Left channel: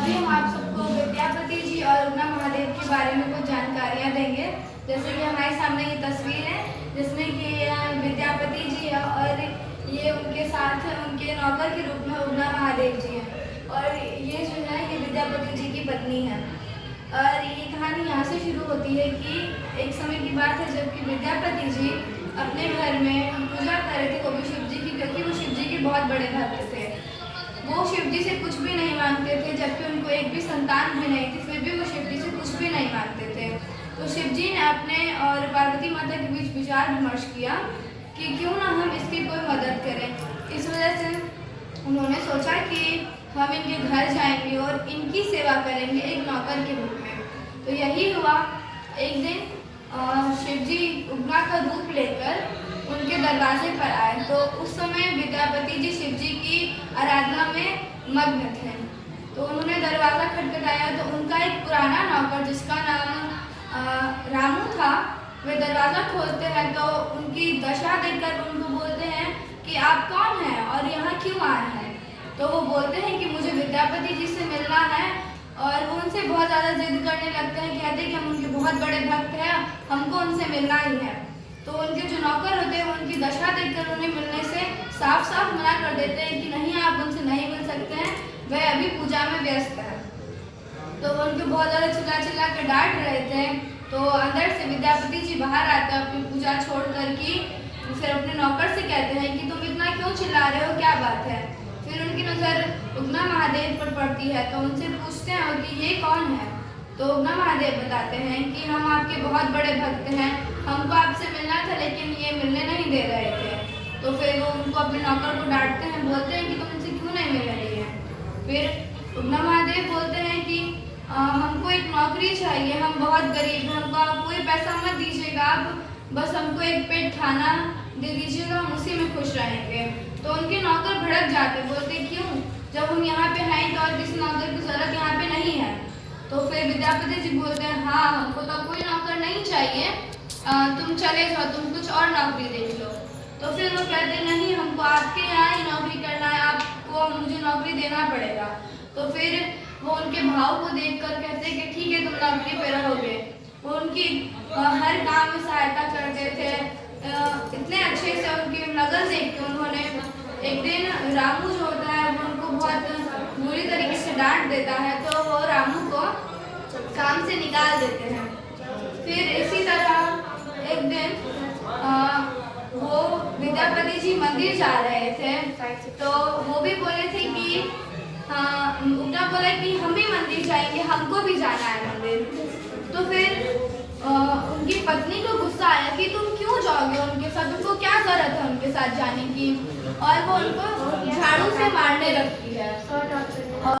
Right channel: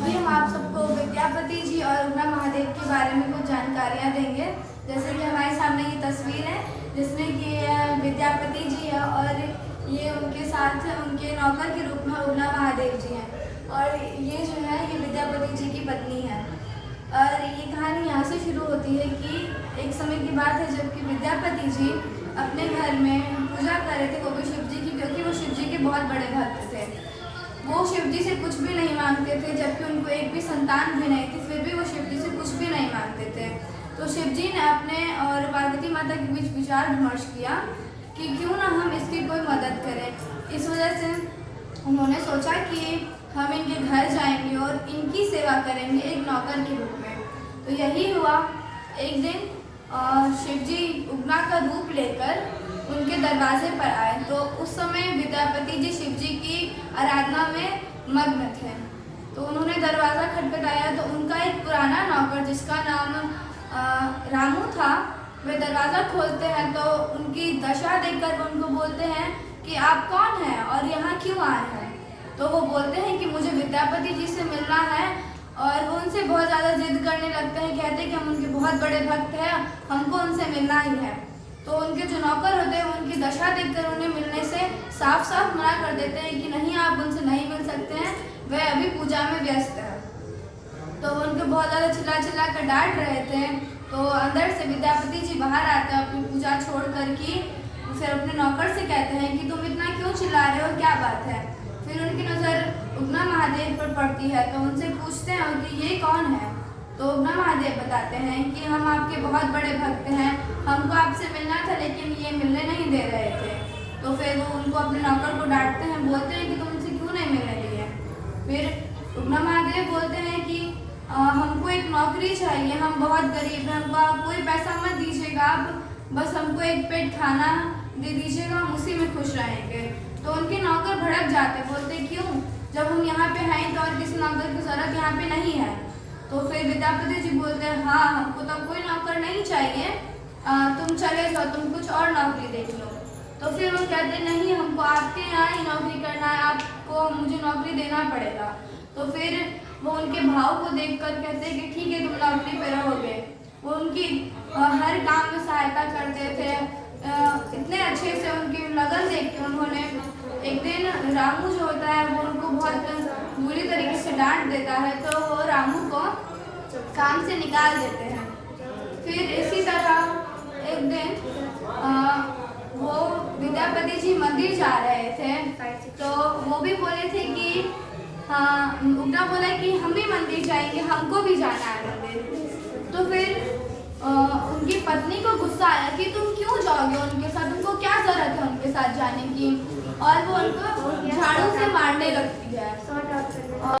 अभी हम आप सबको विद्यापति जी और उगना महादेव के बारे में कुछ जानकारियाँ देंगे। जैसे कि हमारे सामने ये तस्वीर है जिसमें कि विद्यापति जी है और ये उनके साथ उनके नौकर के रूप में उगना महादेव जी हैं और ये जो है ये विद्यापति जी की पत्नी है। और ये कहानी यहाँ से शुरू होती है कि एक समय की बात है जबकि विद्यापति जी अपने घर में पूजा कर रहे थे, वो भी शिव जी की, क्योंकि वो शिव जी के बहुत बड़े भक्त थे। वो शिव जी से कुछ भी नहीं मांगते थे, जबकि उनको एक भी संतान भी नहीं थी, फिर भी वो शिव जी से कुछ भी नहीं मांगते थे। तो शिव जी ने अपने और पार्वती माता के बीच विचार विमर्श किया कि क्यों ना हम इसकी कोई मदद करें। इस वजह से उन्होंने सोचा कि हम इनके घर जाएंगे और इनकी सेवा करेंगे एक नौकर के रूप में। तो यही हुआ। एक दिन शिव जी उगना का रूप लेकर उनके दरवाजे पर आए, तो उस समय विद्यापति जी शिव जी की आराधना में मग्न थे। तो उन्होंने दरवाज़ा खटखटाया तो उनका एक पुराना नौकर जिसका नाम रामू था, वे दरवाज़ा खोलते हैं तो उनकी दशा देखकर उनको बोलते हैं कि आप कौन हैं और यहाँ क्यों आए हैं। तो वो बोलते हैं कि मुझे विद्यापति जी से मिलना है और वो उनसे बहुत ज़्यादा जिद करने लगते हैं, कहते हैं कि हम उनके बहुत बड़े भक्त हैं, हमको उनसे मिलना ही है। तो उनके जो नौकर होते हैं उनकी दशा देखकर उन्हें मिलने से साफ साफ मना कर देते हैं कि नहीं, आप उनसे नहीं मिल सकते हैं, वह अभी पूजा में व्यस्त है। तो वो उनको बहुत ज़्यादा चिल्ला कर डांट रहे थे। तो अंदर से विद्यापति जी बाहर आते हैं अपनी पूजा छोड़ कर की, फिर अपने नौकर से कहते हैं कि तुम इतना क्यों चिल्ला रहे हो, क्या बात है। फिर उनकी नज़र उगना महादेव पर पड़ती है तो उनसे पूछते हैं कि ये कौन है। तो उगना महादेव बताते हैं कि हम आपके बहुत बड़े भक्त हैं, हमको आपसे मिलना था लेकिन ये मिलने नहीं दे रहे थे। तो फिर वो उनको अपने नौकर को डांटते हैं, बोलते हैं कि तुम इनसे क्यों नहीं मिलने दिए। फिर उगना महादेव बोलते हैं कि हमको एक नौकरी चाहिए, हम बहुत गरीब हैं, हमको आप कोई पैसा मत दीजिएगा, आप बस हमको एक पेट खाना दे दीजिएगा, हम उसी में खुश रहेंगे। तो उनके नौकर भड़क जाते, बोलते क्यों, जब हम यहाँ पे हैं तो और किसी नौकर की ज़रूरत यहाँ पे नहीं है। तो फिर विद्यापति जी बोलते हैं हाँ, हमको तो कोई नौकर नहीं चाहिए, तुम चले जाओ, तुम कुछ और नौकरी देख लो। तो फिर वो कहते नहीं, हमको आपके यहाँ ही नौकरी करना है, आपको मुझे नौकरी देना पड़ेगा। तो फिर वो उनके भाव को देखकर कहते हैं कि ठीक है, तुम नौकरी पे रहोगे। वो उनकी हर काम में सहायता करते थे, इतने अच्छे से उनकी लगन देख के उन्होंने एक दिन रामू जो होता है वो उनको बहुत बुरी तरीके से डांट देता है, तो वो रामू को काम से निकाल देते हैं। फिर इसी तरह एक दिन वो विद्यापति जी मंदिर जा रहे थे, तो वो भी बोले थे कि उगना बोला कि हम भी मंदिर जाएंगे, हमको भी जाना है मंदिर। तो फिर उनकी पत्नी को गुस्सा आया कि तुम क्यों जाओगे उनके साथ, तुमको क्या जरूरत है उनके साथ जाने की, और वो उनको झाड़ू से मारने लगती है।